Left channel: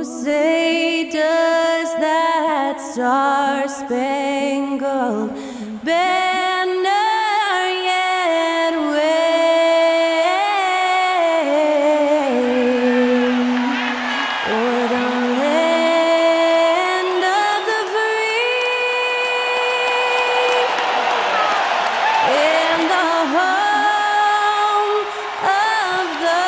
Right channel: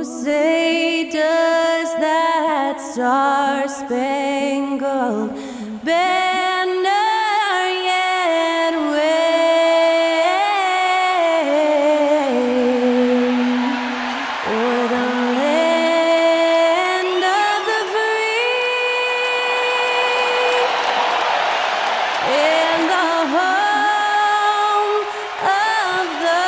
Say, does that star-spangled banner yet wave o'er the land of the free and the home of the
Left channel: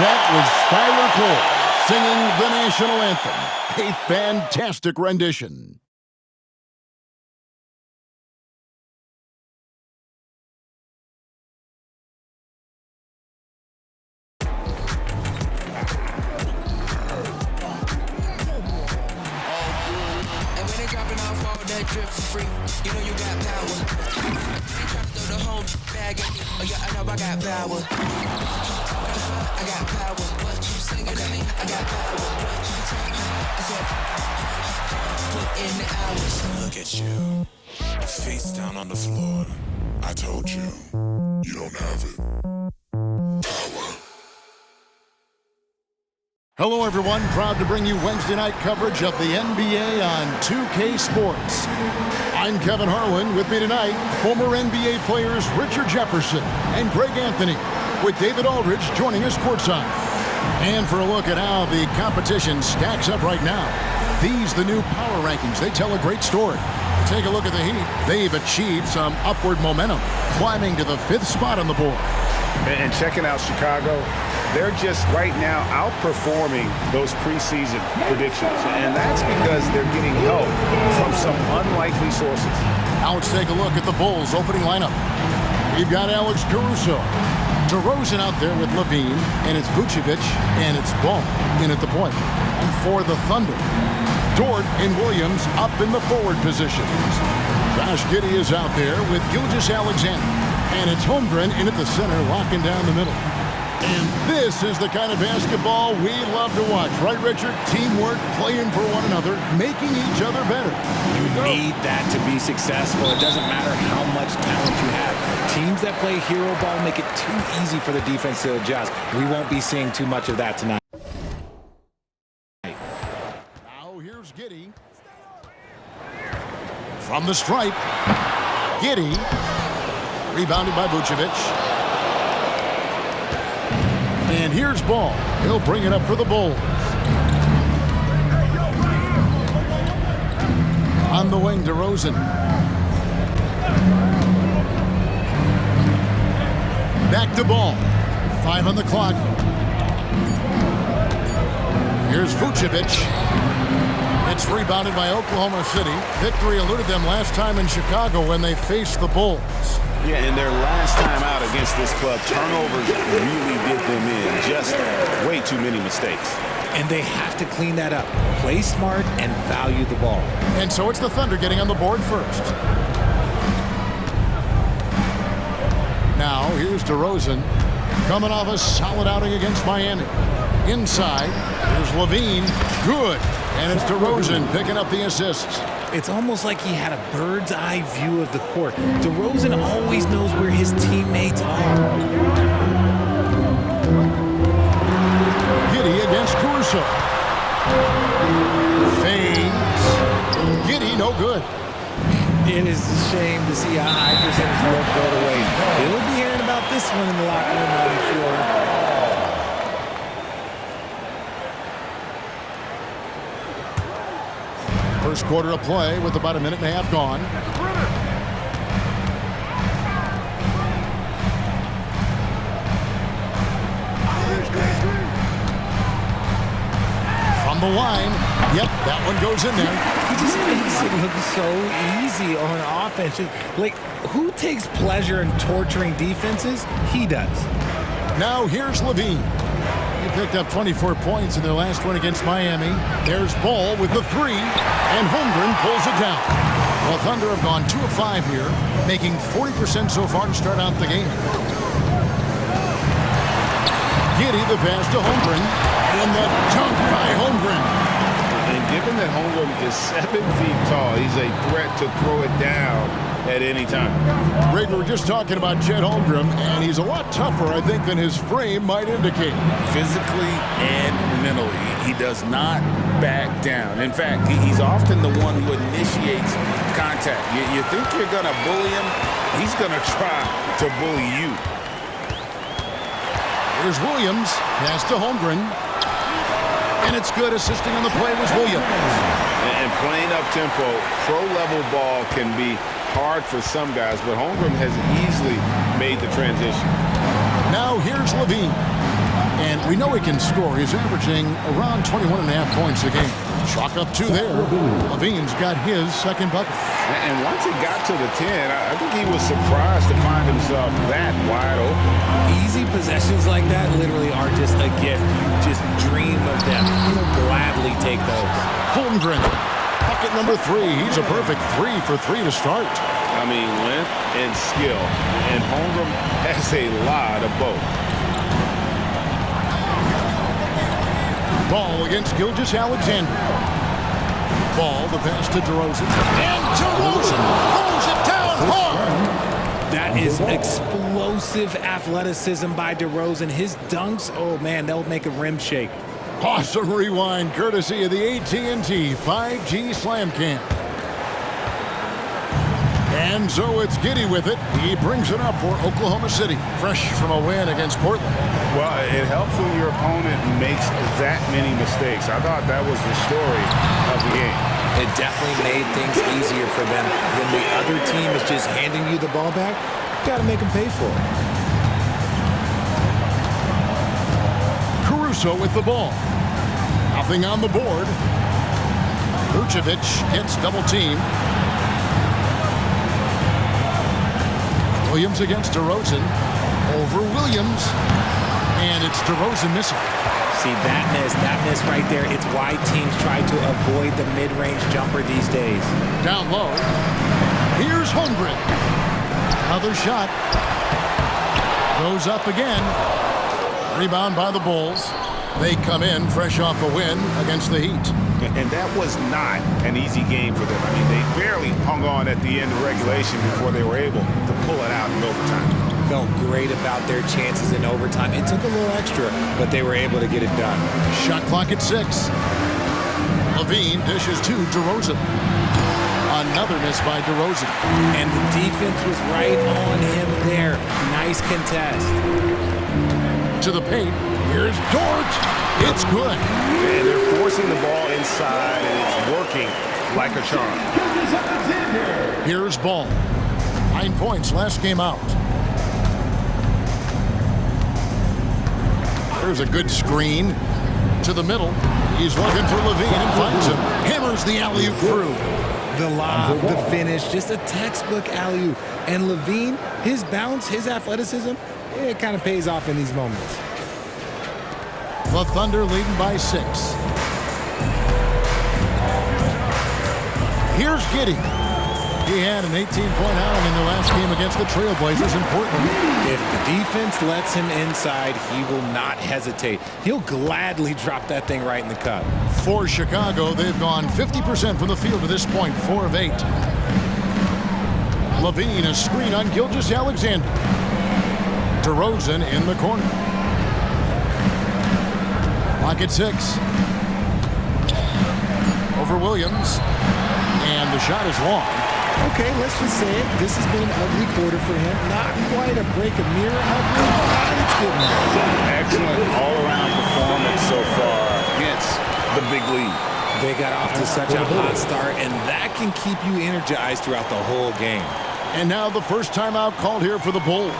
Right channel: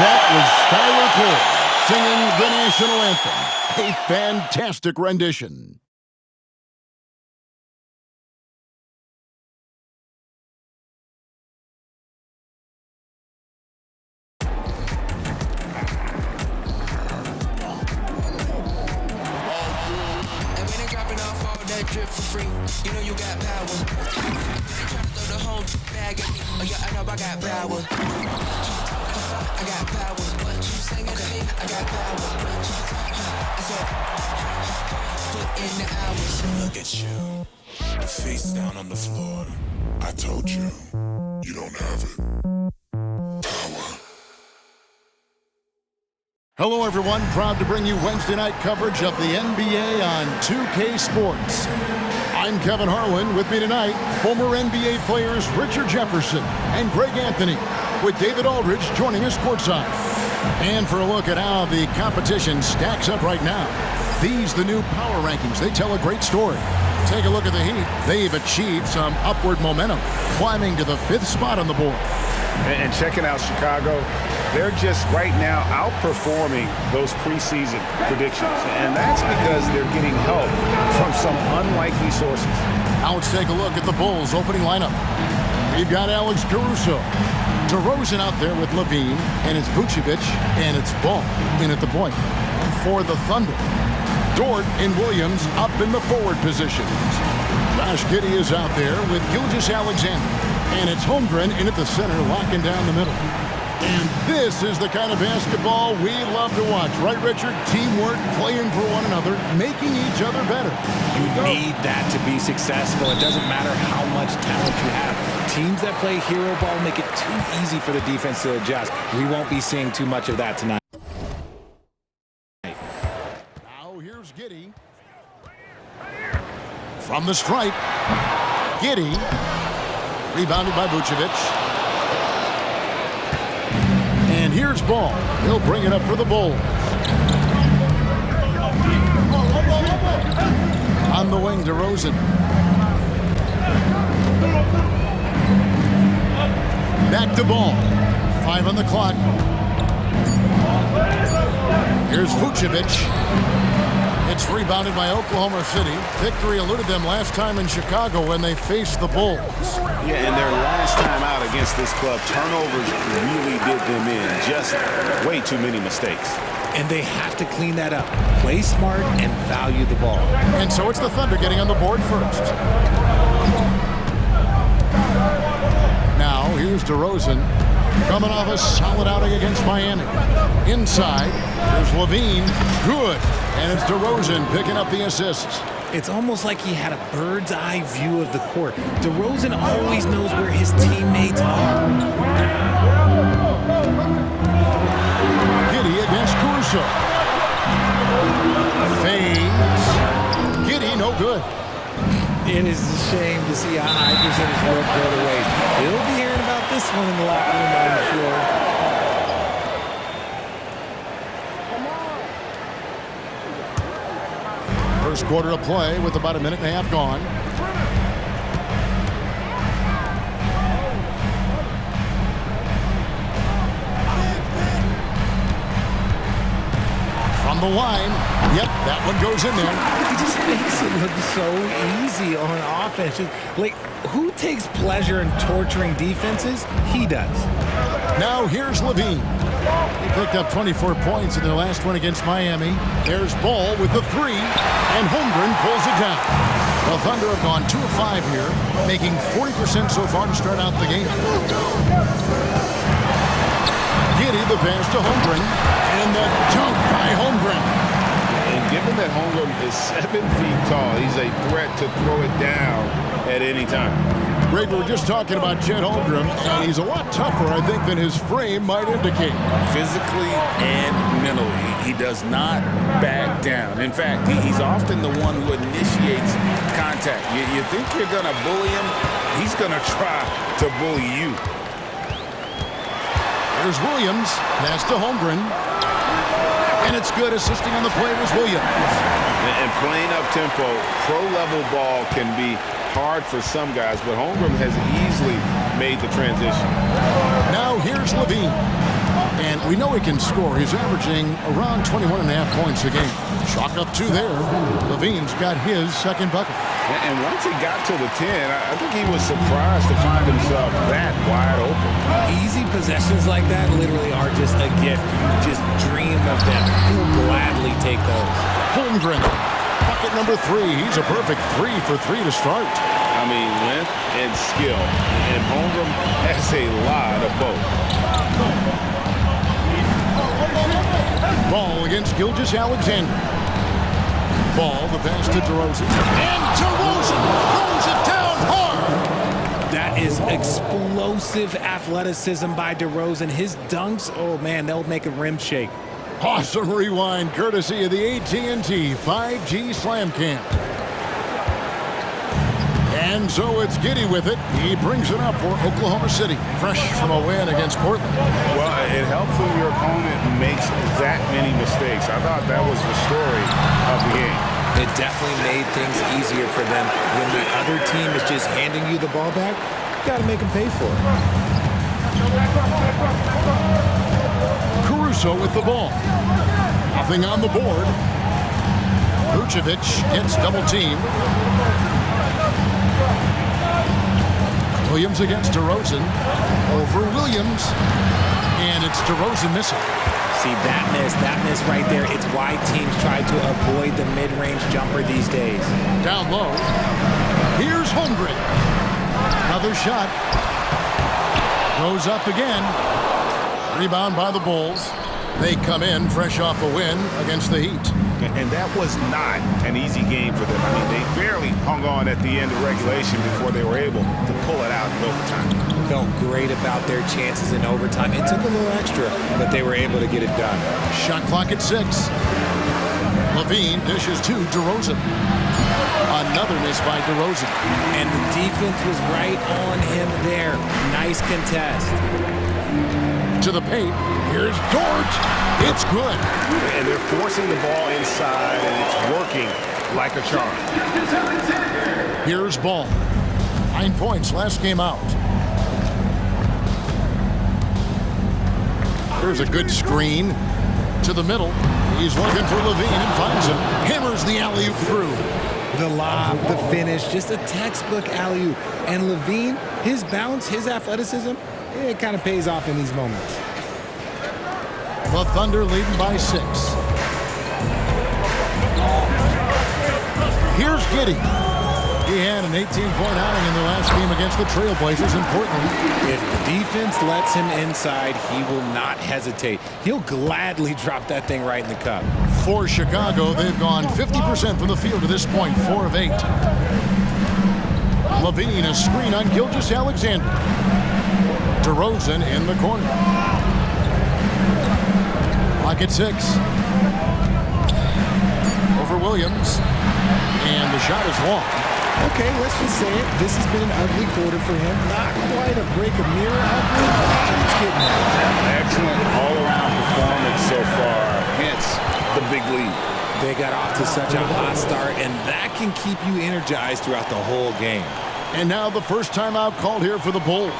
That was Skylar Cole singing the national anthem. A fantastic rendition. And when they dropping off all that drip for free, you know you got power. They try to throw the whole bag at me. Oh yeah, I know I got power. I got power. Okay, I got power. I said, put in the hours. Look at you, face down on the floor. I told you, you don't have it. Power. Hello, everyone. Proud to bring you Wednesday night coverage of the NBA on 2K Sports. I'm Kevin Harlan. With me tonight, former NBA players Richard Jefferson and Greg Anthony, with David Aldridge joining us courtside. And for a look at how the competition stacks up right now, these the new power rankings. They tell a great story. Take a look at the Heat. They've achieved some upward momentum, climbing to the 5th spot on the board. And checking out Chicago, they're just right now outperforming those preseason predictions. And that's because they're getting help from some unlikely sources. Now let's take a look at the Bulls' opening lineup. We've got Alex Caruso, DeRozan out there with Levine, and it's Vucevic, and it's Ball in at the point. And for the Thunder, Dort and Williams up in the forward positions. Josh Giddey is out there with Gilgeous-Alexander, and it's Holmgren in at the center, locking down the middle. And this is the kind of basketball we love to watch, right, Richard? Teamwork, playing for one another, making each other better. You need that to be successful. It doesn't matter how much talent you have. Teams that play hero ball make it too easy for the defense to adjust. We won't be seeing too much of that tonight. Now here's Giddey. From the stripe, Giddey, rebounded by Vucevic. And here's Ball. He'll bring it up for the Bulls. On the wing, DeRozan. Back to Ball. 5 on the clock. Here's Vucevic. It's rebounded by Oklahoma City. Victory eluded them last time in Chicago when they faced the Bulls. Yeah, and their last time out against this club, turnovers really did them in. Just way too many mistakes. And they have to clean that up. Play smart and value the ball. And so it's the Thunder getting on the board first. Now, here's DeRozan coming off a solid outing against Miami. Inside, here's Levine. Good. And it's DeRozan picking up the assists. It's almost like he had a bird's eye view of the court. DeRozan always knows where his teammates are. Giddey against Caruso. Fades. Giddey, no good. It is a shame to see a high percentage look go to waste. He'll be hearing about this one in the locker room, I'm sure. First quarter of play with about a minute and a half gone. From the line. Yep, that one goes in there. He just makes it look so easy on offense. Like, who takes pleasure in torturing defenses? He does. Now here's Levine. He picked up 24 points in their last one against Miami. There's Ball with the 3, and Holmgren pulls it down. The Thunder have gone 2 of 5 here, making 40% so far to start out the game. Giddey the pass to Holmgren, and the dunk by Holmgren. And given that Holmgren is 7 feet tall, he's a threat to throw it down at any time. Greg, we were just talking about Chet Holmgren, and he's a lot tougher, I think, than his frame might indicate. Physically and mentally, he does not back down. In fact, he's often the one who initiates contact. You think you're going to bully him, he's going to try to bully you. Here's Williams, pass to Holmgren, and it's good. Assisting on the play was Williams. And playing up-tempo, pro-level ball can be hard for some guys, but Holmgren has easily made the transition. Now here's Levine. And we know he can score. He's averaging around 21.5 points a game. Chalk up 2 there. Levine's got his second bucket. And once he got to the 10, I think he was surprised to find himself that wide open. Easy possessions like that literally are just a gift. You just dream of them. He'll gladly take those. Holmgren, bucket number 3. He's a perfect 3 for 3 to start. I mean, length and skill. And Holmgren has a lot of both. Ball against Gilgeous-Alexander. Ball, the pass to DeRozan. And DeRozan throws it down hard. That is explosive athleticism by DeRozan. His dunks, oh man, they'll make a rim shake. Awesome rewind, courtesy of the AT&T 5G Slam Cam. And so it's Giddey with it. He brings it up for Oklahoma City, fresh from a win against Portland. Well, it helps when your opponent makes that many mistakes. I thought that was the story of the game. It definitely made things easier for them. When the other team is just handing you the ball back, you got to make them pay for it. Caruso with the ball. Nothing on the board. Vucevic gets double-teamed. Williams against DeRozan. Over Williams. And it's DeRozan missing. See, that miss right there, it's why teams try to avoid the mid-range jumper these days. Down low. Here's Holmgren. Another shot. Goes up again. Rebound by the Bulls. They come in fresh off a win against the Heat. And that was not an easy game for them. I mean, they barely hung on at the end of regulation before they were able to pull it out in overtime. Felt great about their chances in overtime. It took a little extra, but they were able to get it done. Shot clock at 6. Levine dishes to DeRozan. Another miss by DeRozan. And the defense was right on him there. Nice contest. To the paint. Here's Dort. It's good. And they're forcing the ball inside, and it's working like a charm. Here's Ball. 9 points last game out. There's a good screen. To the middle. He's looking for Levine and finds him. Hammers the alley-oop through. The lob, the finish, just a textbook alley-oop. And Levine, his bounce, his athleticism, it kind of pays off in these moments. The Thunder leading by 6. Here's Giddey. He had an 18-point outing in the last game against the Trailblazers in Portland. If the defense lets him inside, he will not hesitate. He'll gladly drop that thing right in the cup. For Chicago, they've gone 50% from the field to this point, 4 of 8. Levine, a screen on Gilgeous-Alexander. DeRozan in the corner. Clock at 6. Over Williams. And the shot is long. Okay, let's just say it. This has been an ugly quarter for him. Not quite a break a mirror ugly, but it's getting there. Excellent all-around performance so far. Hence the big lead. They got off to such a hot start, and that can keep you energized throughout the whole game. And now the first timeout called here for the Bulls.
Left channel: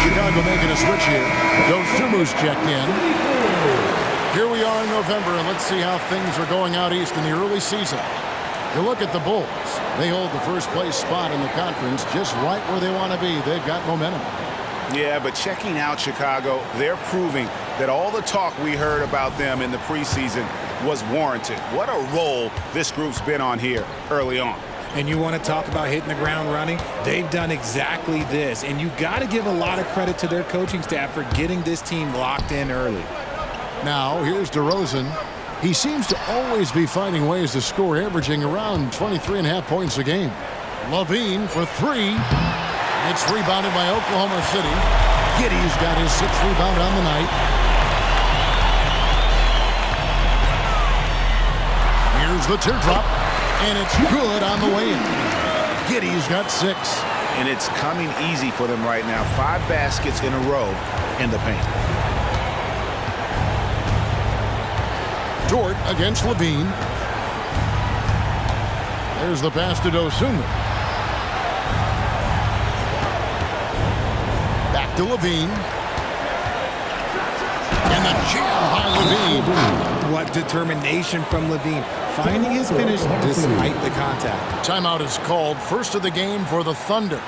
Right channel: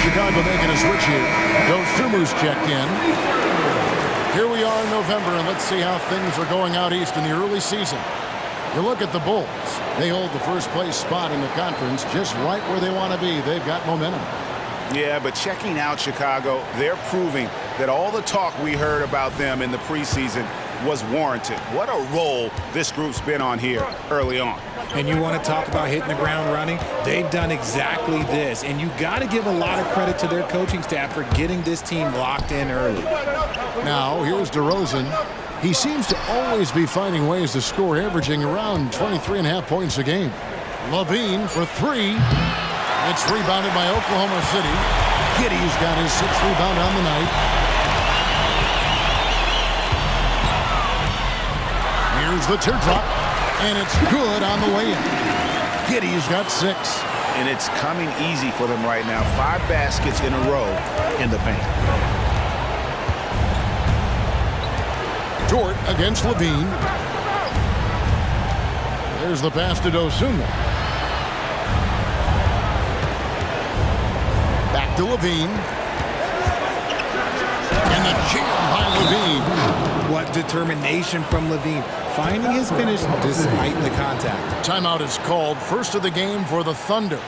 Chicago making a switch here. Dosumu's checked in. Here we are in November, and let's see how things are going out east in the early season. You look at the Bulls. They hold the first place spot in the conference just right where they want to be. They've got momentum. Yeah, but checking out Chicago, they're proving that all the talk we heard about them in the preseason was warranted. What a role this group's been on here early on. And you want to talk about hitting the ground running? They've done exactly this. And you got to give a lot of credit to their coaching staff for getting this team locked in early. Now, here's DeRozan. He seems to always be finding ways to score, averaging around 23.5 points a game. Levine for three. It's rebounded by Oklahoma City. Giddey's got his 6th rebound on the night. Here's the teardrop, and it's good on the way in. Giddey's got 6. And it's coming easy for them right now. 5 baskets in a row in the paint. Dort against Levine. There's the pass to Dosunmu. Back to Levine. And the jam by Levine. What determination from Levine, finding his finish despite the contact. Timeout is called. First of the game for the Thunder.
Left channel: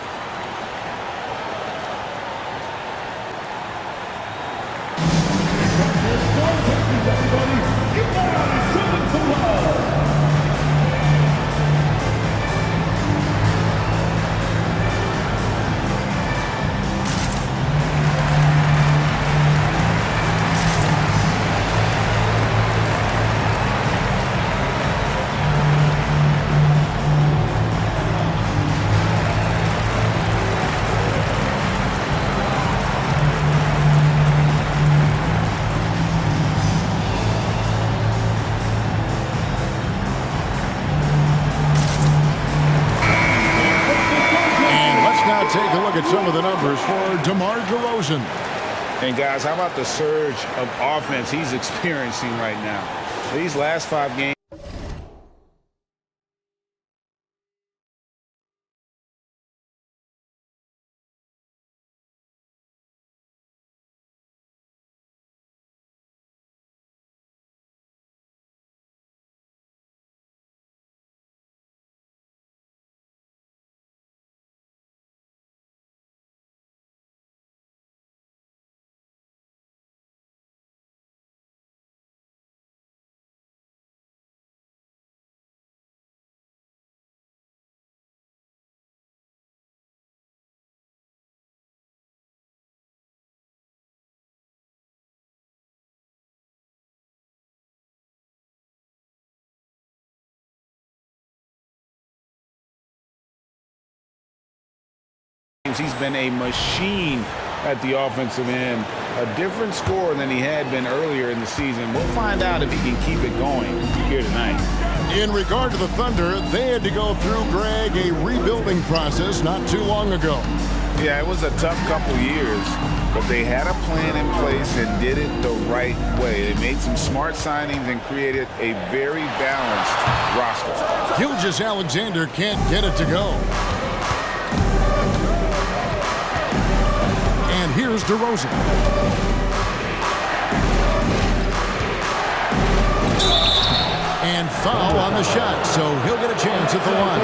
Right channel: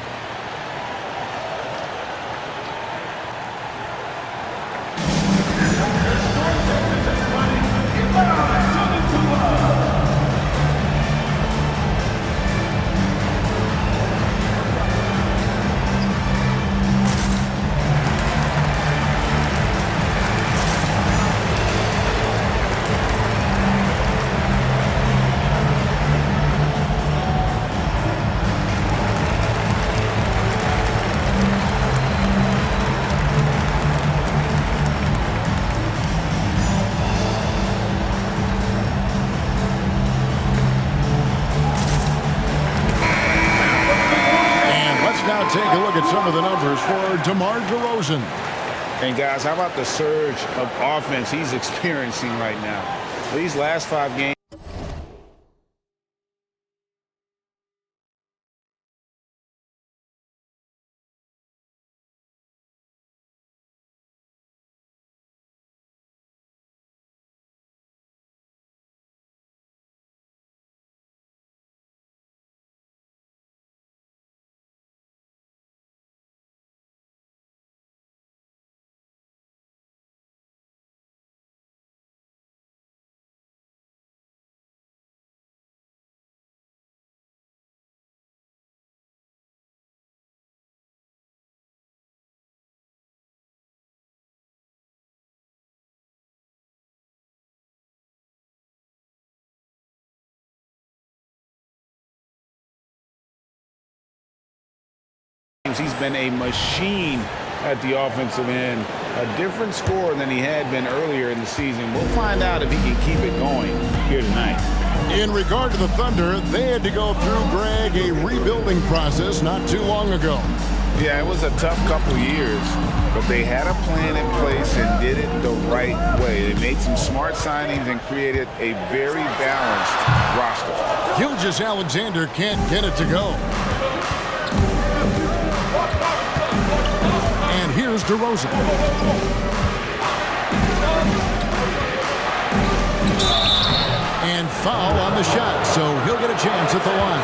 Now take a look at some of the numbers for DeMar DeRozan. And guys, how about the surge of offense he's experiencing right now? These last 5 games. He's been a machine at the offensive end, a different scorer than he had been earlier in the season. We'll find out if he can keep it going here tonight. In regard to the Thunder, they had to go through, Greg, a rebuilding process not too long ago. Yeah, it was a tough couple years, but they had a plan in place and did it the right way. They made some smart signings and created a very balanced roster. Gilgeous-Alexander can't get it to go. And here's DeRozan. And foul on the shot, so he'll get a chance at the line.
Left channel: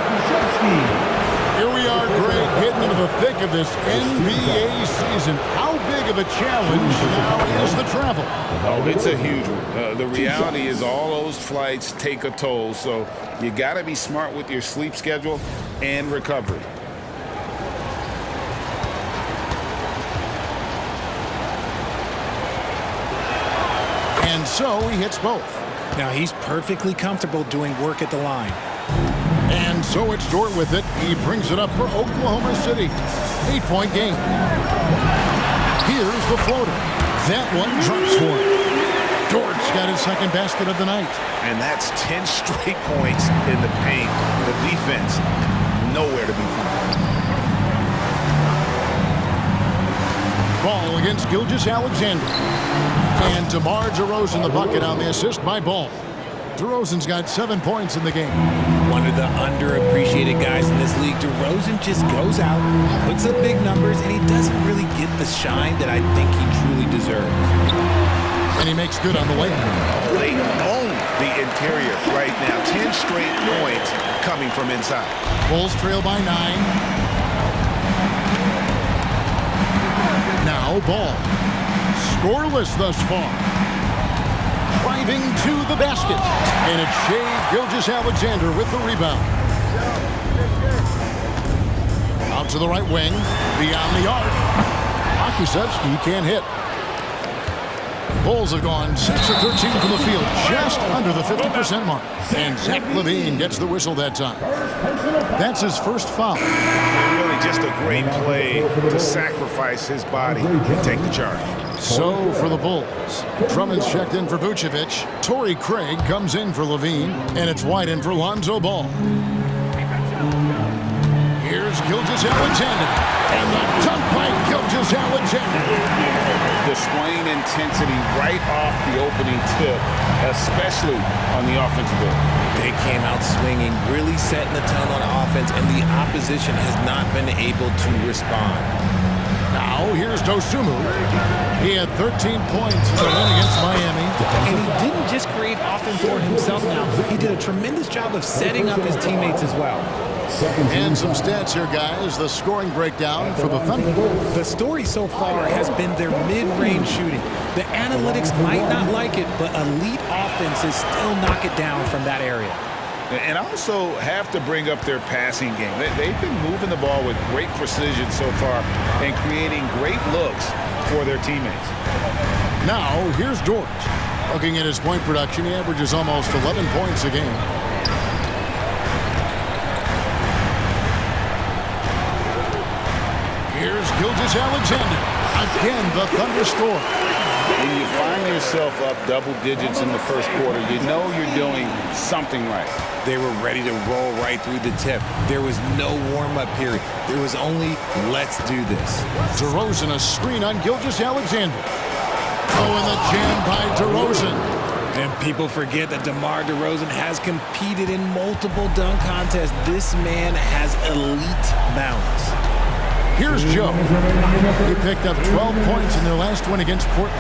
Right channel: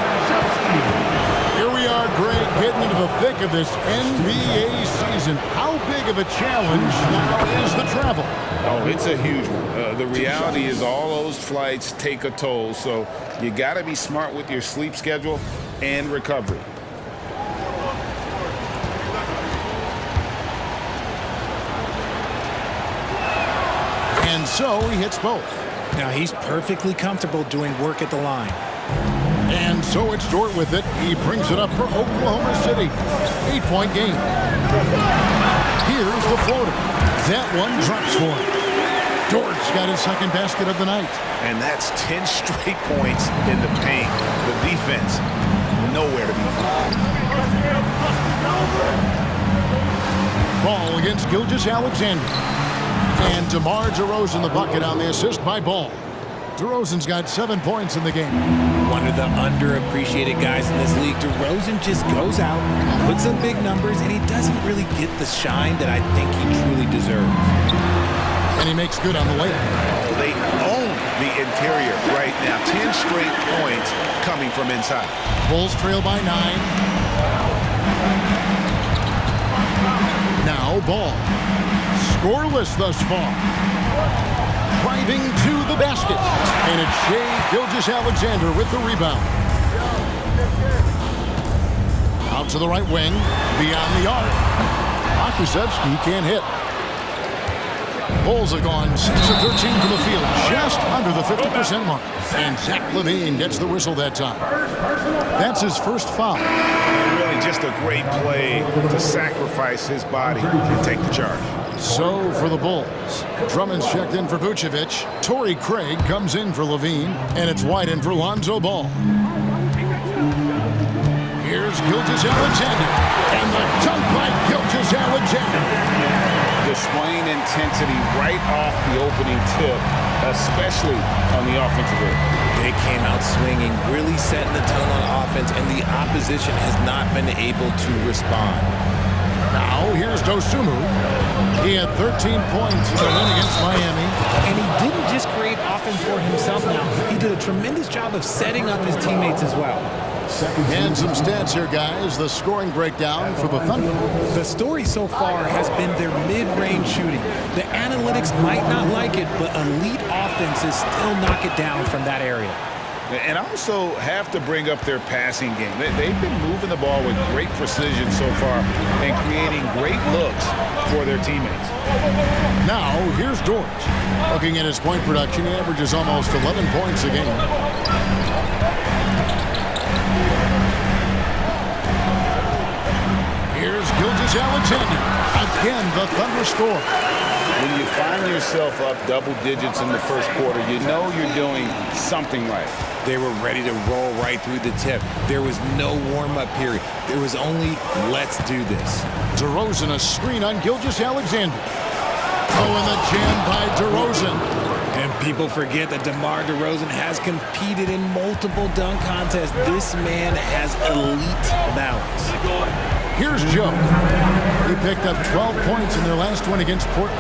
Here we are, Greg, getting into the thick of this NBA season. How big of a challenge now is the travel? Oh, it's a huge one. The reality is all those flights take a toll, so you got to be smart with your sleep schedule and recovery. And so he hits both. Now he's perfectly comfortable doing work at the line. And so it's Dort with it. He brings it up for Oklahoma City. 8-point game. Here's the floater. That one drops for him. Dort's got his 2nd basket of the night. And that's 10 straight points in the paint. The defense, nowhere to be found. Ball against Gilgeous-Alexander. And DeMar DeRozan the bucket on the assist by Ball. DeRozan's got 7 points in the game. One of the underappreciated guys in this league. DeRozan just goes out, puts up big numbers, and he doesn't really get the shine that I think he truly deserves. And he makes good on the layup. Oh, they own the interior right now. 10 straight points coming from inside. Bulls trail by 9. Now Ball. Scoreless thus far. Driving to the basket. And it's Shai Gilgeous-Alexander with the rebound. Out to the right wing, beyond the arc. Pokusevski can't hit. Bulls have gone 6 of 13 from the field, just under the 50% mark. And Zach LaVine gets the whistle that time. That's his first foul. And really just a great play to sacrifice his body and take the charge. So for the Bulls, Drummond's checked in for Vucevic. Torrey Craig comes in for LaVine, and it's White in for Lonzo Ball. Here's Gilgeous-Alexander, and the dunk by Gilgeous-Alexander. Displaying intensity right off the opening tip, especially on the offensive end. They came out swinging, really setting the tone on offense, and the opposition has not been able to respond. Now, here's Dosunmu. He had 13 points in the win against Miami. And he didn't just create offense for himself now. He did a tremendous job of setting up his teammates as well. And some stats here, guys. The scoring breakdown for the Thunder. The story so far has been their mid-range shooting. The analytics might not like it, but elite offenses still knock it down from that area. And also have to bring up their passing game. They've been moving the ball with great precision so far and creating great looks for their teammates. Now, here's George. Looking at his point production, he averages almost 11 points a game. Here's Gilgeous-Alexander. Again, the Thunder score. When you find yourself up double digits in the first quarter, you know you're doing something right. They were ready to roll right through the tip. There was no warm-up period. There was only, let's do this. DeRozan, a screen on Gilgeous-Alexander. Oh, and the jam by DeRozan. And people forget that DeMar DeRozan has competed in multiple dunk contests. This man has elite balance. Here's Joe. He picked up 12 points in their last win against Portland.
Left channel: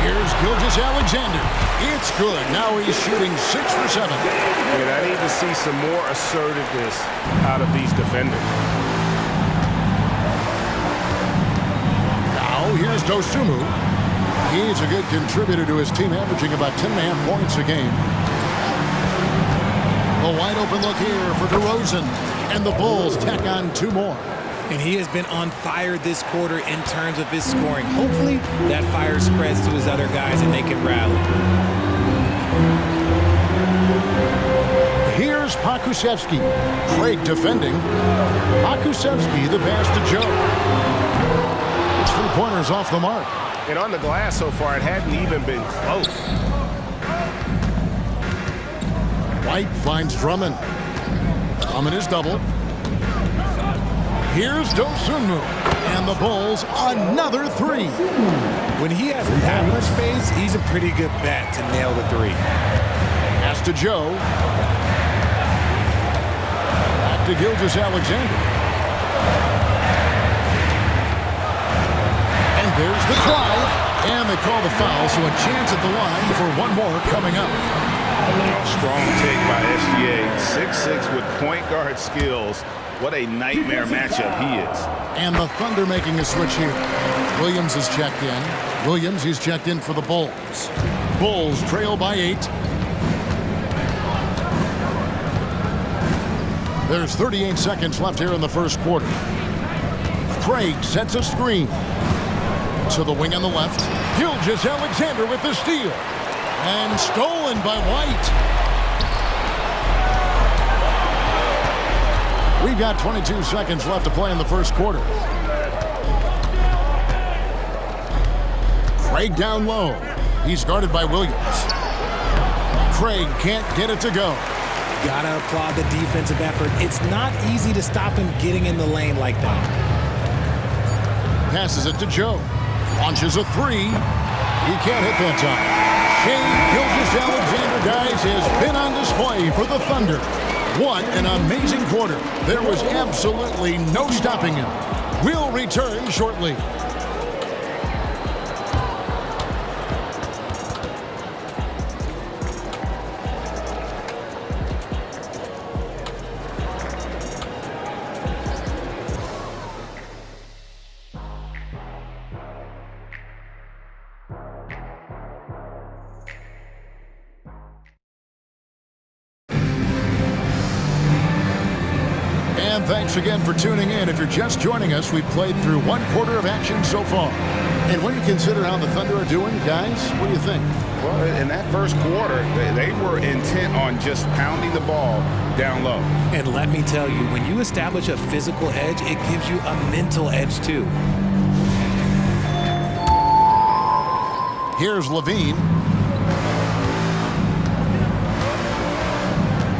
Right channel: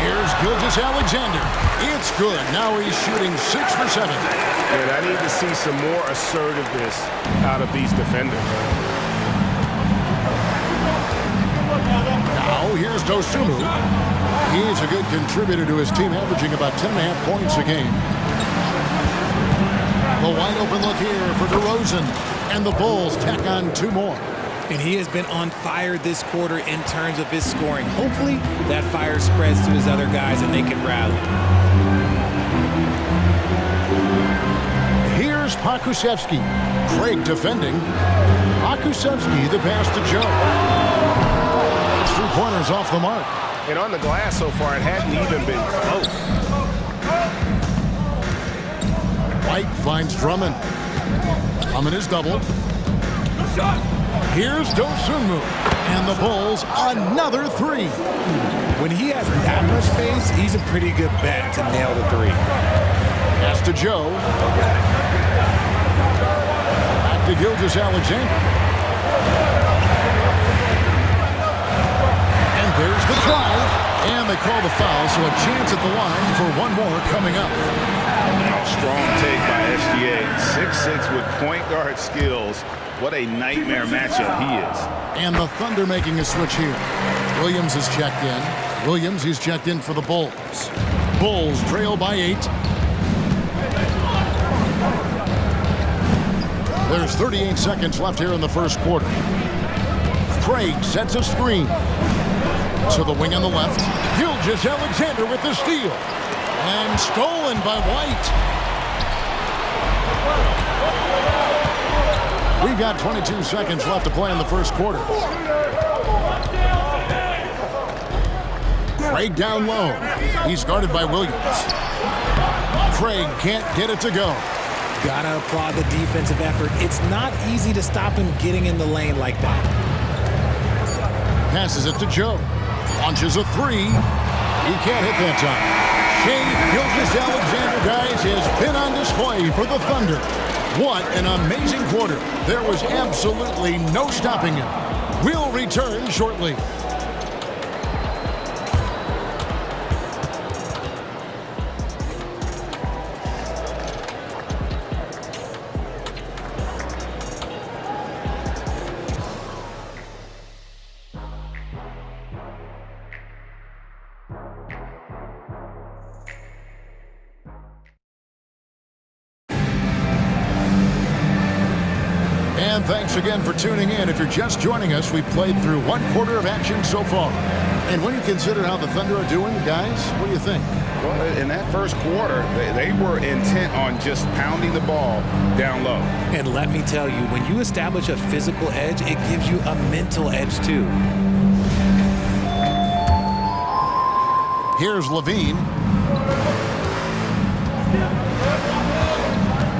Here's Gilgeous-Alexander. It's good. Now he's shooting 6 for 7. And I need to see some more assertiveness out of these defenders. Now here's Dosunmu. He's a good contributor to his team, averaging about 10.5 points a game. The wide open look here for DeRozan. And the Bulls tack on 2 more. And he has been on fire this quarter in terms of his scoring. Hopefully, that fire spreads to his other guys and they can rally. Here's Pokusevski. Craig defending. Pokusevski, the pass to Joe. It's 3-pointers off the mark. And on the glass so far, it hadn't even been close. White finds Drummond. Drummond is doubled. Here's Dosunmu. And the Bulls, another 3. When he has that much space, he's a pretty good bet to nail the 3. Pass to Joe. Back to Gilgeous-Alexander. And there's the drive. And they call the foul, so a chance at the line for one more coming up. Oh, strong take by SGA. 6'6" with point guard skills. What a nightmare matchup he is. And the Thunder making a switch here. Williams is checked in. Williams, he's checked in for the Bulls. Bulls trail by 8. There's 38 seconds left here in the first quarter. Craig sets a screen. To the wing on the left. Gilgeous-Alexander with the steal. And stolen by White. We've got 22 seconds left to play in the first quarter. Craig down low. He's guarded by Williams. Craig can't get it to go. Gotta applaud the defensive effort. It's not easy to stop him getting in the lane like that. Passes it to Joe. Launches a 3. He can't hit that time. Shai Gilgeous-Alexander, guys, has been on display for the Thunder. What an amazing quarter. There was absolutely no stopping him. We'll return shortly. And thanks again for tuning in. If you're just joining us, we've played through one quarter of action so far. And when you consider how the Thunder are doing, guys, what do you think? Well, in that first quarter, they were intent on just pounding the ball down low. And let me tell you, when you establish a physical edge, it gives you a mental edge too. Here's Levine.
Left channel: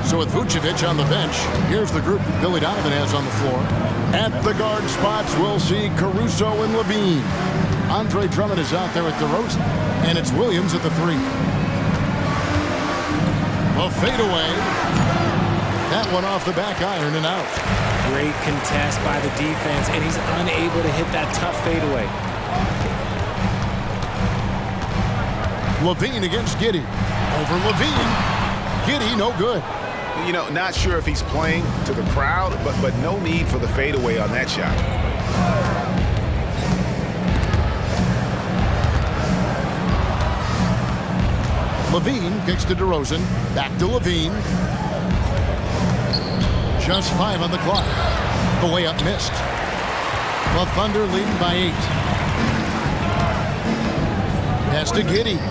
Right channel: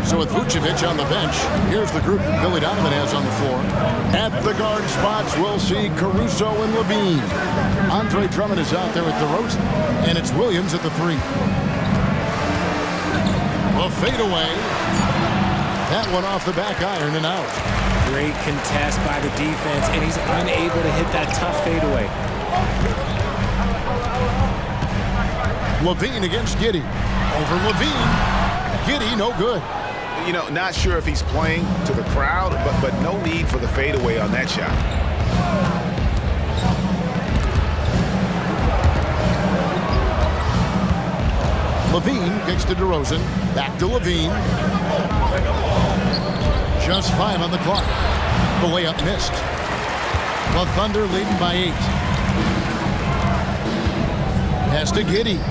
So with Vucevic on the bench, here's the group that Billy Donovan has on the floor. At the guard spots, we'll see Caruso and Levine. Andre Drummond is out there with DeRozan, and it's Williams at the 3. A fadeaway. That one off the back iron and out. Great contest by the defense, and he's unable to hit that tough fadeaway. Levine against Giddey. Over Levine. Giddey, no good. You know, not sure if he's playing to the crowd, but no need for the fadeaway on that shot. Levine kicks to DeRozan. Back to Levine. Just 5 on the clock. The layup missed. The Thunder leading by 8. Pass to Giddey.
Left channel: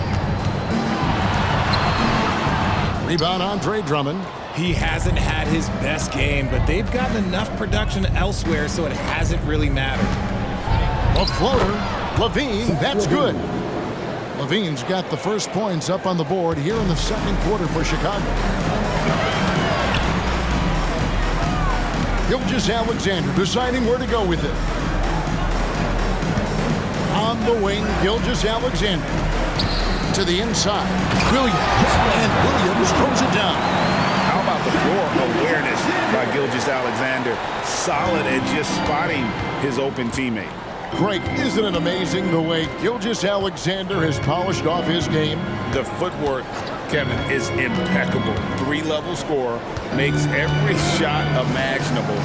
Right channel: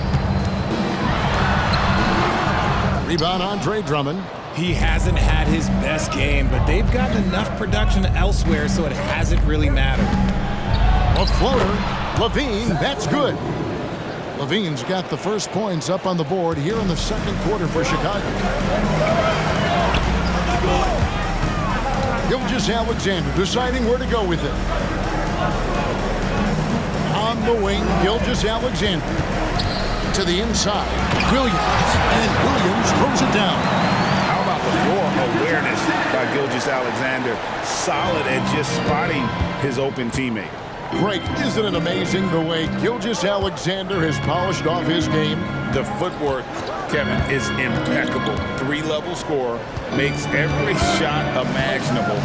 Rebound Andre Drummond. He hasn't had his best game, but they've gotten enough production elsewhere, so it hasn't really mattered. A floater. Levine, that's good. Levine's got the first points up on the board here in the second quarter for Chicago. Gilgeous-Alexander deciding where to go with it. On the wing, Gilgeous-Alexander. To the inside, Williams. And Williams throws it down. How about the floor awareness by Gilgeous-Alexander? Solid at just spotting his open teammate. Greg, isn't it amazing the way Gilgeous-Alexander has polished off his game? The footwork, Kevin, is impeccable. 3-level scorer, makes every shot imaginable.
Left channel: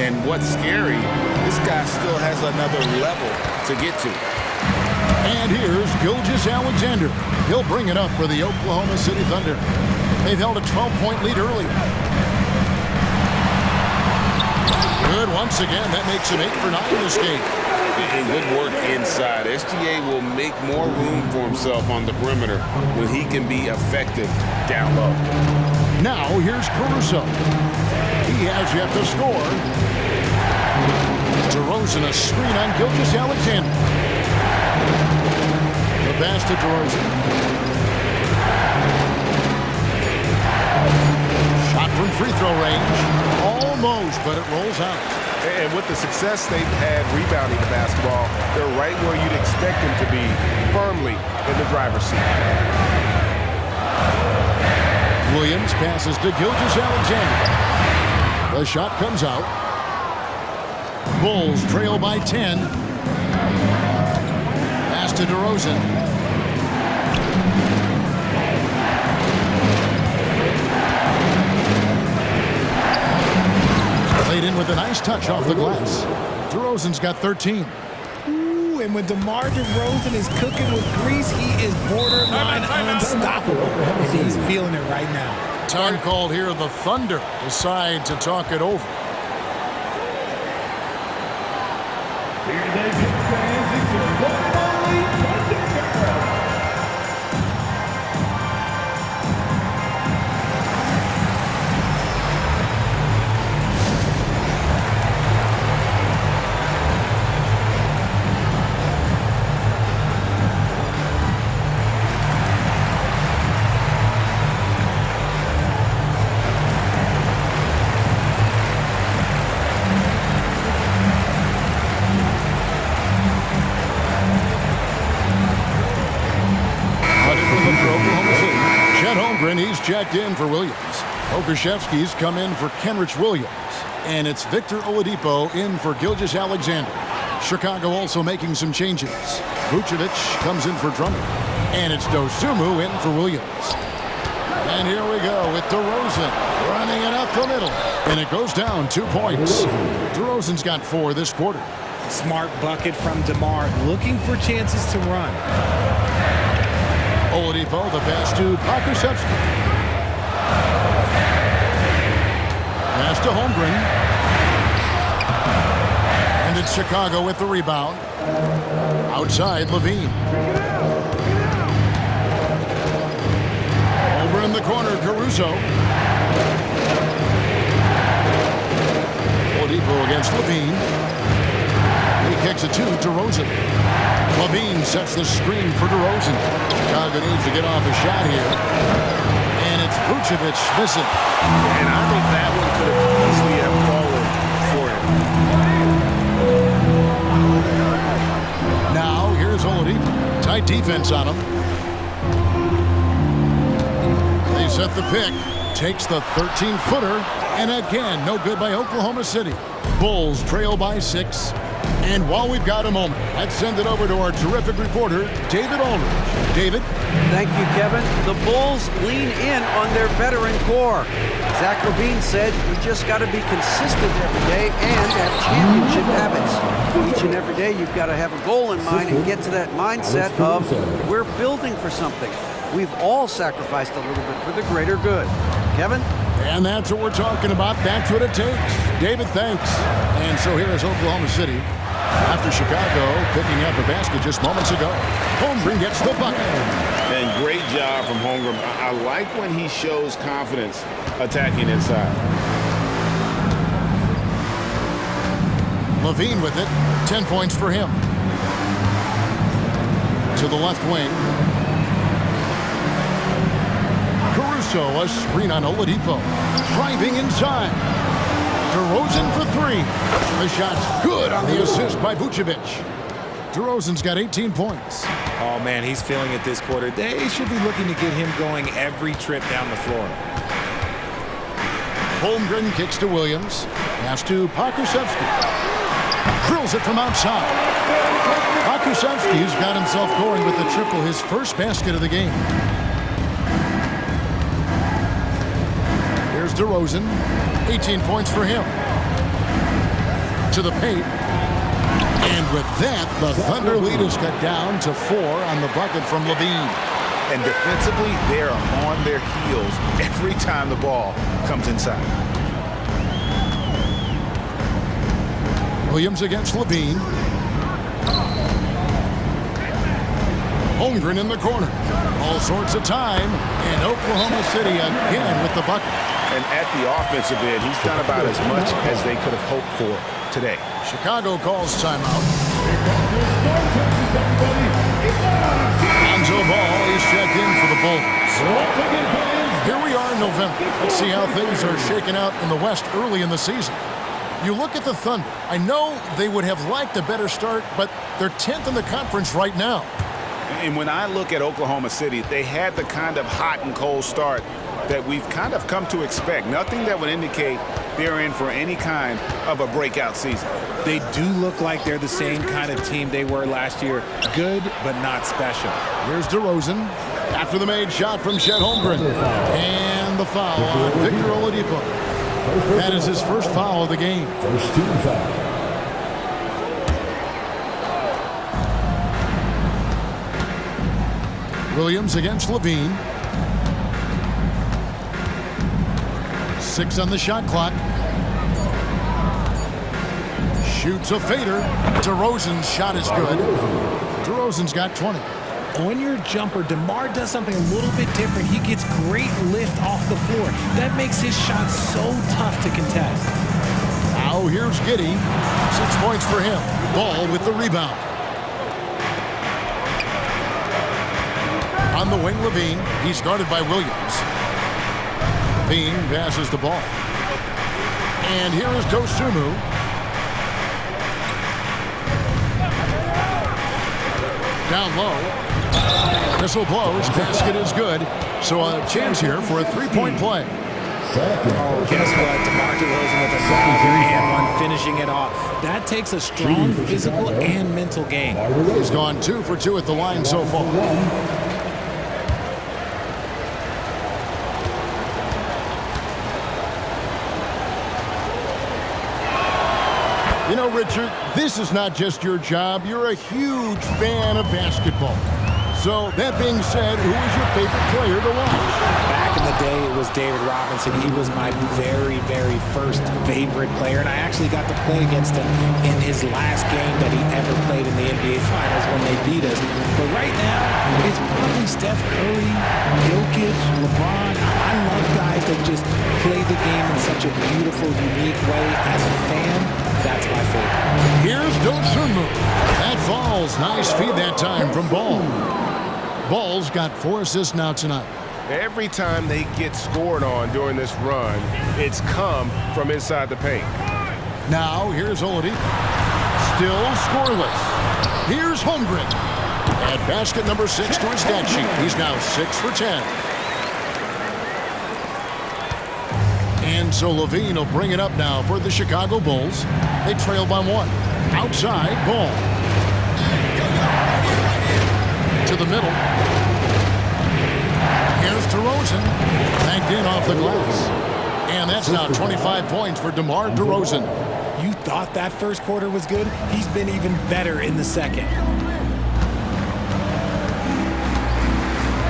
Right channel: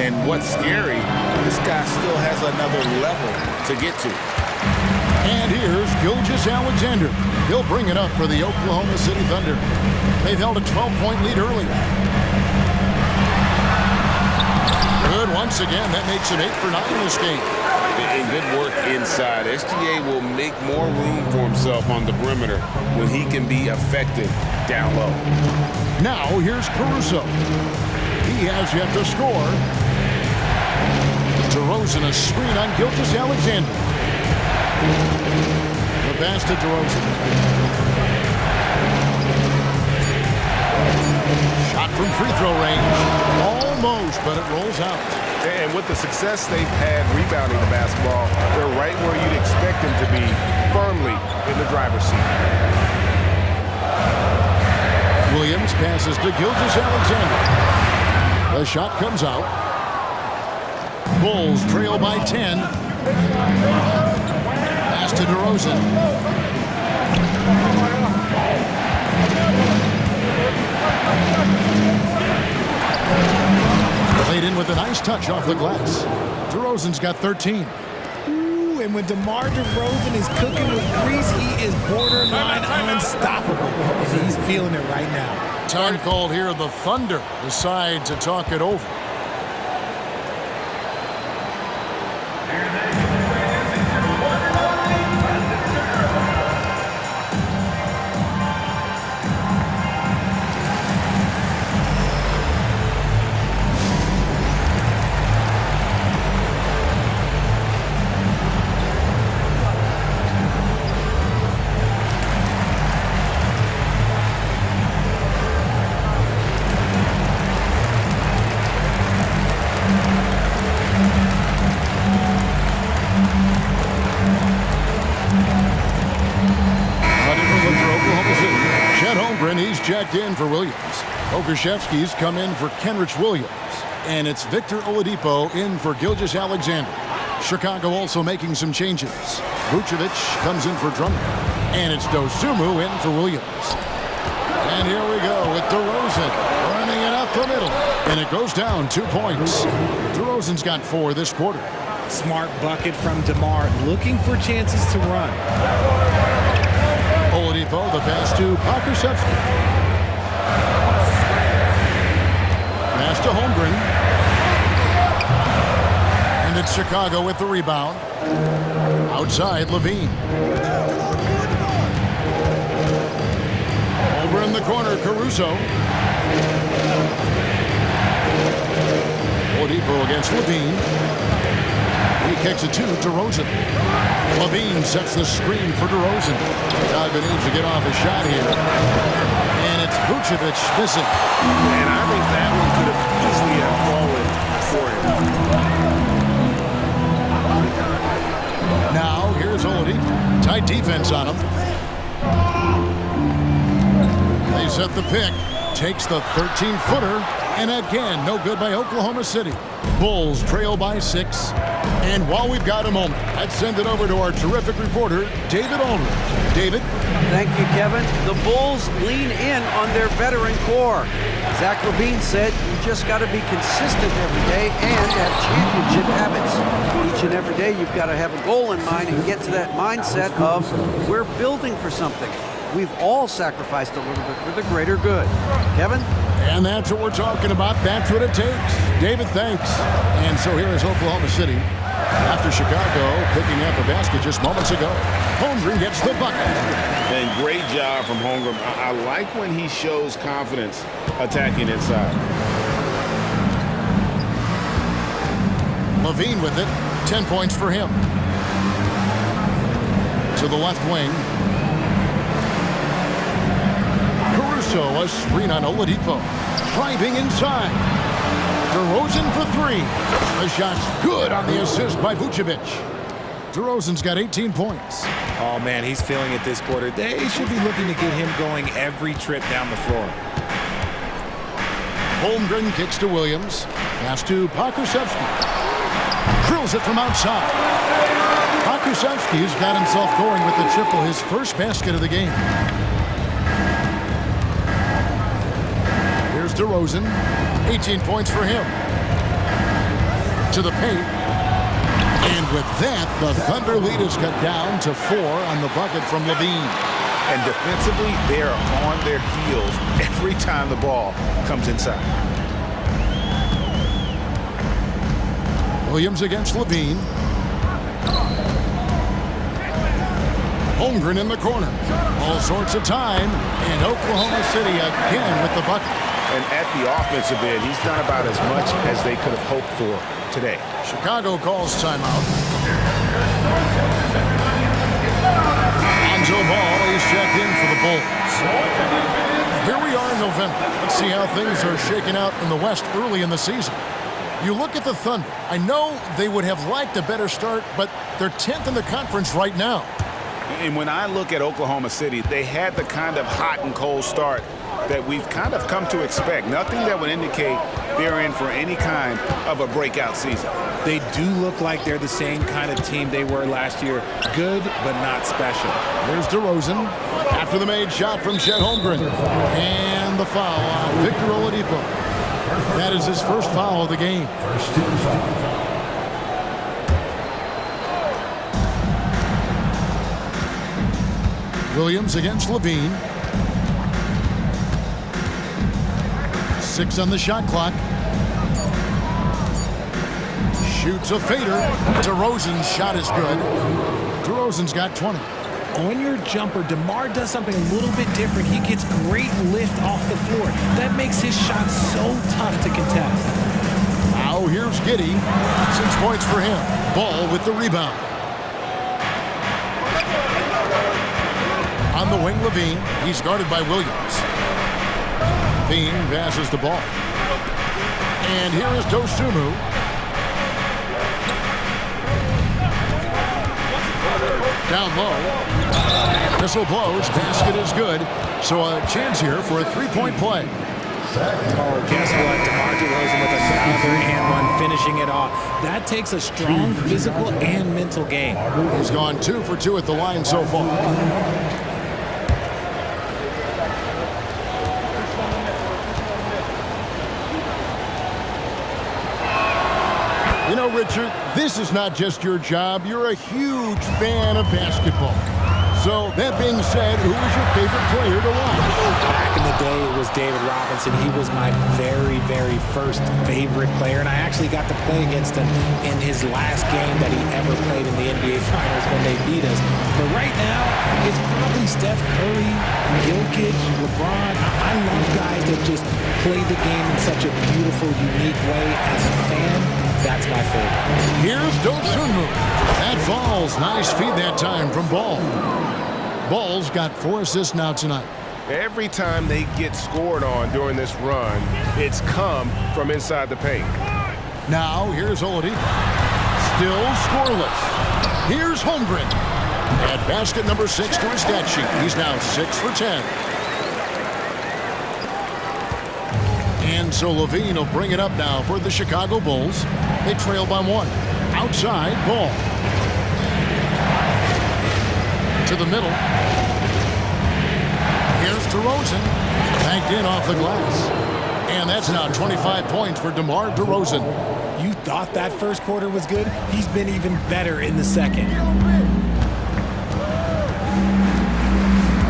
And what's scary, this guy still has another level to get to. And here's Gilgeous-Alexander. He'll bring it up for the Oklahoma City Thunder. They've held a 12-point lead earlier. Good once again. That makes him 8 for 9 this game. And good work inside. SGA will make more room for himself on the perimeter when he can be effective down low. Now here's Caruso. He has yet to score. DeRozan a screen on Gilgeous-Alexander. The pass to DeRozan. Shot from free throw range. Almost, but it rolls out. And with the success they've had rebounding the basketball, they're right where you'd expect them to be, firmly in the driver's seat. Williams passes to Gilgeous-Alexander. The shot comes out. Bulls trail by 10. Pass to DeRozan. Played in with a nice touch off the glass. DeRozan's got 13. Ooh, and when DeMar DeRozan is cooking with grease, he is borderline unstoppable. And he's feeling it right now. Time called here. The Thunder decide to talk it over. Chet Holmgren, he's checked in for Williams. Okashevsky's come in for Kenrich Williams. And it's Victor Oladipo in for Gilgeous-Alexander. Chicago also making some changes. Vucevic comes in for Drummond. And it's Dosunmu in for Williams. And here we go with DeRozan running it up the middle. And it goes down 2 points. DeRozan's got 4 this quarter. Smart bucket from DeMar, looking for chances to run. Oladipo, the pass to Pokusevski. Pass to Holmgren. And it's Chicago with the rebound. Outside, Levine. Over in the corner, Caruso. Oladipo against Levine. He kicks it to DeRozan. Levine sets the screen for DeRozan. Chicago needs to get off a shot here. And it's Vucevic missing. And I think that one could have easily have fallen for him. Now, here's Oladipo. Tight defense on him. They set the pick. Takes the 13-footer. And again, no good by Oklahoma City. Bulls trail by 6. And while we've got a moment, let's send it over to our terrific reporter, David Aldridge. David? Thank you, Kevin. The Bulls lean in on their veteran core. Zach LaVine said, you just got to be consistent every day and have championship habits. Each and every day, you've got to have a goal in mind and get to that mindset of, we're building for something. We've all sacrificed a little bit for the greater good. Kevin? And that's what we're talking about. That's what it takes. David, thanks. And so here is Oklahoma City. After Chicago picking up a basket just moments ago. Holmgren gets the bucket. And great job from Holmgren. I like when he shows confidence attacking inside. Levine with it. 10 points for him. To the left wing. Caruso, a screen on Oladipo. Driving inside. DeRozan for 3. The shot's good on the assist by Vucevic. DeRozan's got 18 points. Oh, man, he's feeling it this quarter. They should be looking to get him going every trip down the floor. Holmgren kicks to Williams. Pass to Pokusevski. Drills it from outside. Pokusevski's got himself going with the triple, his first basket of the game. Here's DeRozan. 18 points for him. To the paint. And with that, the Thunder lead is cut down to 4 on the bucket from Levine. And defensively, they are on their heels every time the ball comes inside. Williams against Levine. Holmgren in the corner. All sorts of time. And Oklahoma City again with the bucket. And at the offensive end, he's done about as much as they could have hoped for today. Chicago calls timeout. Lonzo Ball is checked in for the Bulls. Here we are in November. Let's see how things are shaking out in the West early in the season. You look at the Thunder. I know they would have liked a better start, but they're 10th in the conference right now. And when I look at Oklahoma City, they had the kind of hot and cold start that we've kind of come to expect. Nothing that would indicate they're in for any kind of a breakout season. They do look like they're the same kind of team they were last year. Good, but not special. Here's DeRozan after the made shot from Chet Holmgren. And the foul on Victor Oladipo. That is his first foul of the game. First team foul. Williams against Levine. 6 on the shot clock. Shoots a fader. DeRozan's shot is good. DeRozan's got 20. On your jumper, DeMar does something a little bit different. He gets great lift off the floor. That makes his shot so tough to contest. Now here's Giddey. 6 points for him. Ball with the rebound. On the wing, Levine. He's guarded by Williams. Levine passes the ball. And here is Dosunmu. Down low. Whistle blows. Basket is good. So a chance here for a three-point play. Oh, guess what? DeMar DeRozan with another and one, finishing it off. That takes a strong physical and mental game. He's gone 2 for 2 at the line so far. You know, Richard, this is not just your job. You're a huge fan of basketball. So that being said, who is your favorite player to watch? Back in the day, it was David Robinson. He was my very, very first favorite player, and I actually got to play against him in his last game that he ever played in the NBA Finals when they beat us. But right now, it's probably Steph Curry, Jokic, LeBron. I love guys that just play the game in such a beautiful, unique way. As a fan, that's my favorite. Here's Dosunmu. That falls. Nice feed that time from Ball. Ball's got 4 assists now tonight. Every time they get scored on during this run, it's come from inside the paint. Now, here's Oladipo. Still scoreless. Here's Holmgren. Add basket number 6 to his stat sheet. He's now 6 for 10. And so Levine will bring it up now for the Chicago Bulls. They trail by 1. Outside, Ball. To the middle. Here's DeRozan. Banked in off the glass. And that's now 25 points for DeMar DeRozan. You thought that first quarter was good? He's been even better in the second.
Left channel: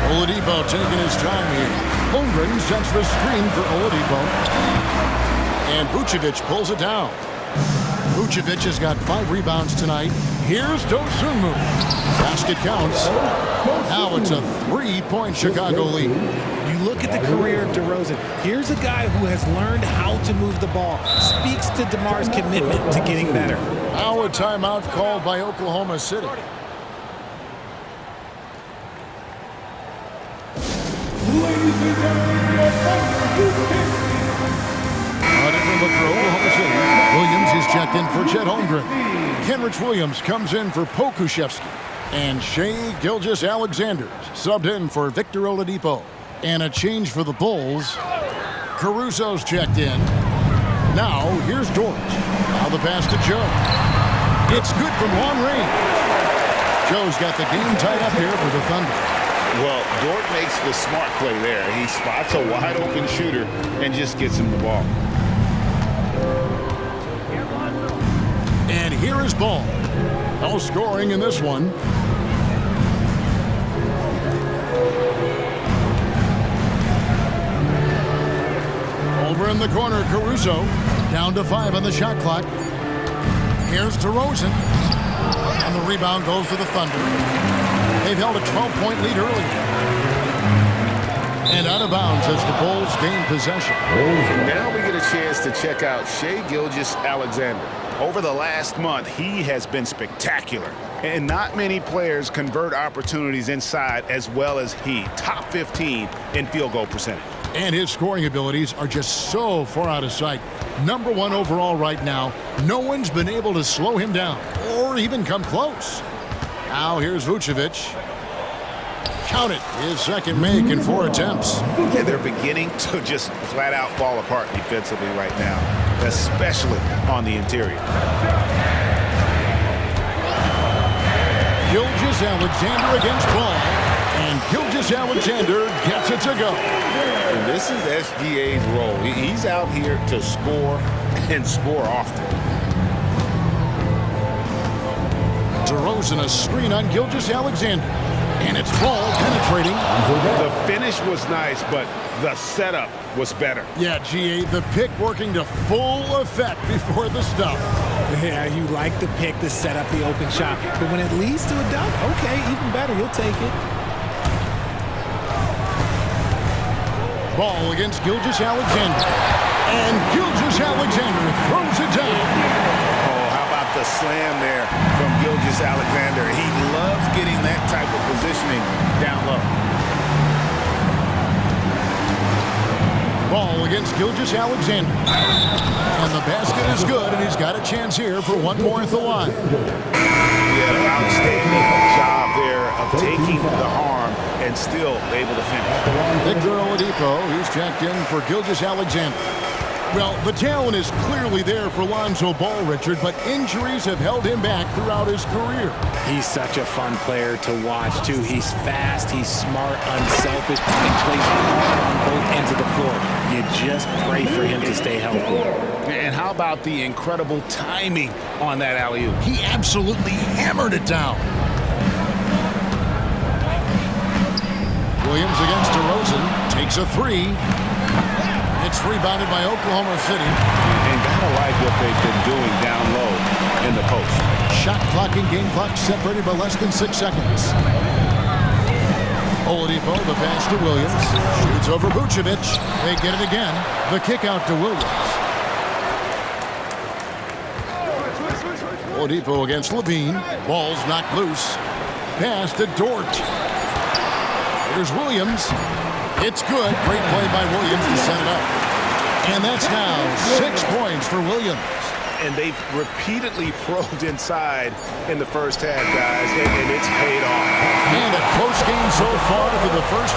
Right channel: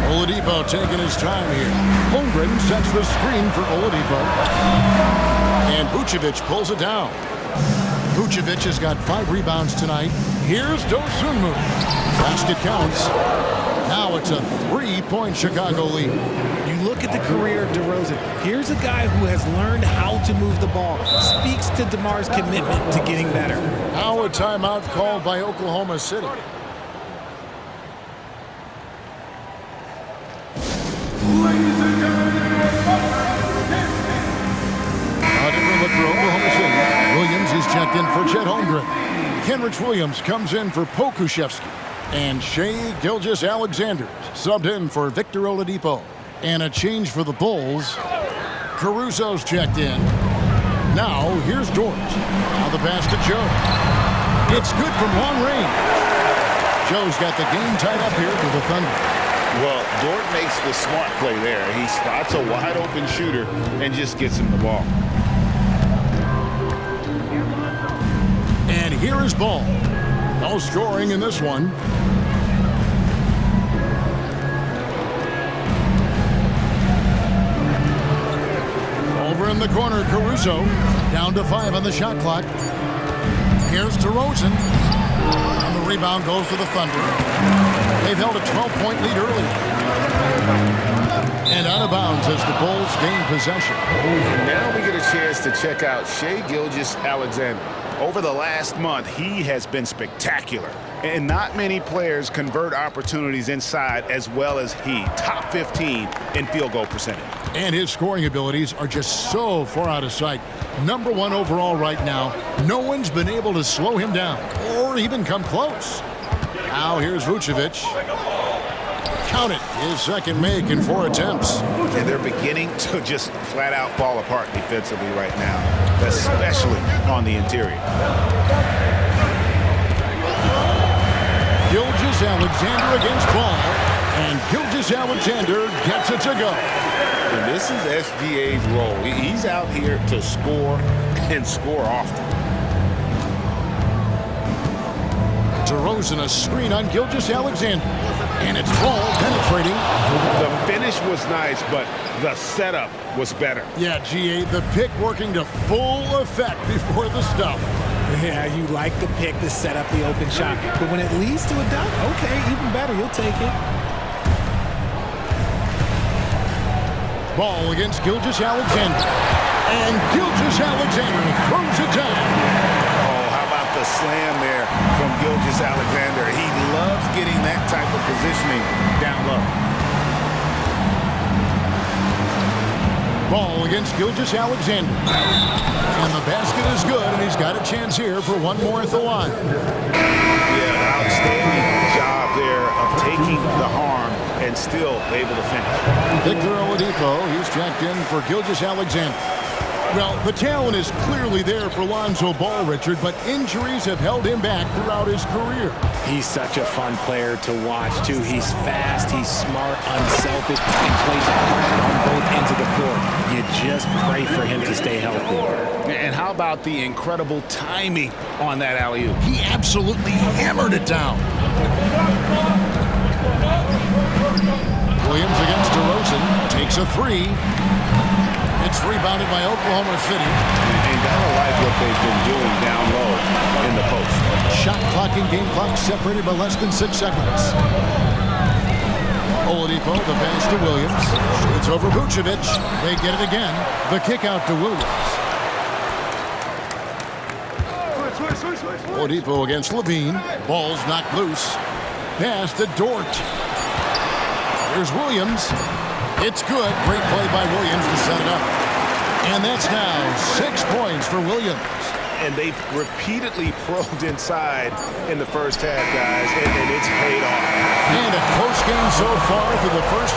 Oladipo taking his time here. Holmgren sets the screen for Oladipo. And Vucevic pulls it down. Vucevic has got 5 rebounds tonight. Here's Dosunmu. Basket counts. Now it's a 3-point Chicago lead. You look at the career of DeRozan. Here's a guy who has learned how to move the ball. Speaks to DeMar's commitment to getting better. Now a timeout called by Oklahoma City. A different look for Oklahoma City. Williams is checked in for Chet Holmgren. Kenrich Williams comes in for Pokusevski. And Shai Gilgeous-Alexander subbed in for Victor Oladipo. And a change for the Bulls. Caruso's checked in. Now, here's Dort. Now the pass to Joe. It's good from long range. Joe's got the game tied up here for the Thunder. Well, Dort makes the smart play there. He spots a wide-open shooter and just gets him the ball. And here is Ball. No scoring in this one. Over in the corner, Caruso. Down to 5 on the shot clock. Here's DeRozan. And the rebound goes to the Thunder. They've held a 12-point lead earlier. And out of bounds as the Bulls gain possession. And now we get a chance to check out Shai Gilgeous-Alexander. Over the last month, he has been spectacular. And not many players convert opportunities inside as well as he. Top 15 in field goal percentage. And his scoring abilities are just so far out of sight. Number 1 overall right now. No one's been able to slow him down or even come close. Now here's Vucevic. Count it. His second make in 4 attempts. And they're beginning to just flat out fall apart defensively right now, especially on the interior. Gilgeous-Alexander against Ball. And Gilgeous-Alexander gets it to go. And this is SGA's role. He's out here to score and score often. DeRozan a screen on Gilgeous-Alexander. And it's Ball penetrating. The finish was nice, but the setup was better. Yeah, GA, the pick working to full effect before the stuff. Yeah, you like the pick to set up the open shot. But when it leads to a dunk, okay, even better, you'll take it. Ball against Gilgeous-Alexander. And Gilgeous-Alexander throws it down. Oh, how about the slam there from Gilgeous-Alexander? He loves getting that type of positioning down low. Ball against Gilgeous-Alexander. And the basket is good, and he's got a chance here for one more at the line. Yeah, outstanding job there of taking the harm and still able to finish. Victor Oladipo, he's checked in for Gilgeous-Alexander. Well, the talent is clearly there for Lonzo Ball, Richard, but injuries have held him back throughout his career. He's such a fun player to watch, too. He's fast, he's smart, unselfish, and plays hard on both ends of the floor. You just pray for him to stay healthy. And how about the incredible timing on that alley-oop? He absolutely hammered it down. Williams against DeRozan. Takes a three. It's rebounded by Oklahoma City. And gotta like what they've been doing down low in the post. Shot clock and game clock separated by less than 6 seconds. Oladipo, the pass to Williams. Shoots over Vucevic. They get it again. The kick out to Williams. Oladipo against Levine. Ball's knocked loose. Pass to Dort. Here's Williams. It's good. Great play by Williams to set it up. And that's now 6 points for Williams. And they've repeatedly probed inside in the first half, guys, and it's paid off. And a close game so far for the first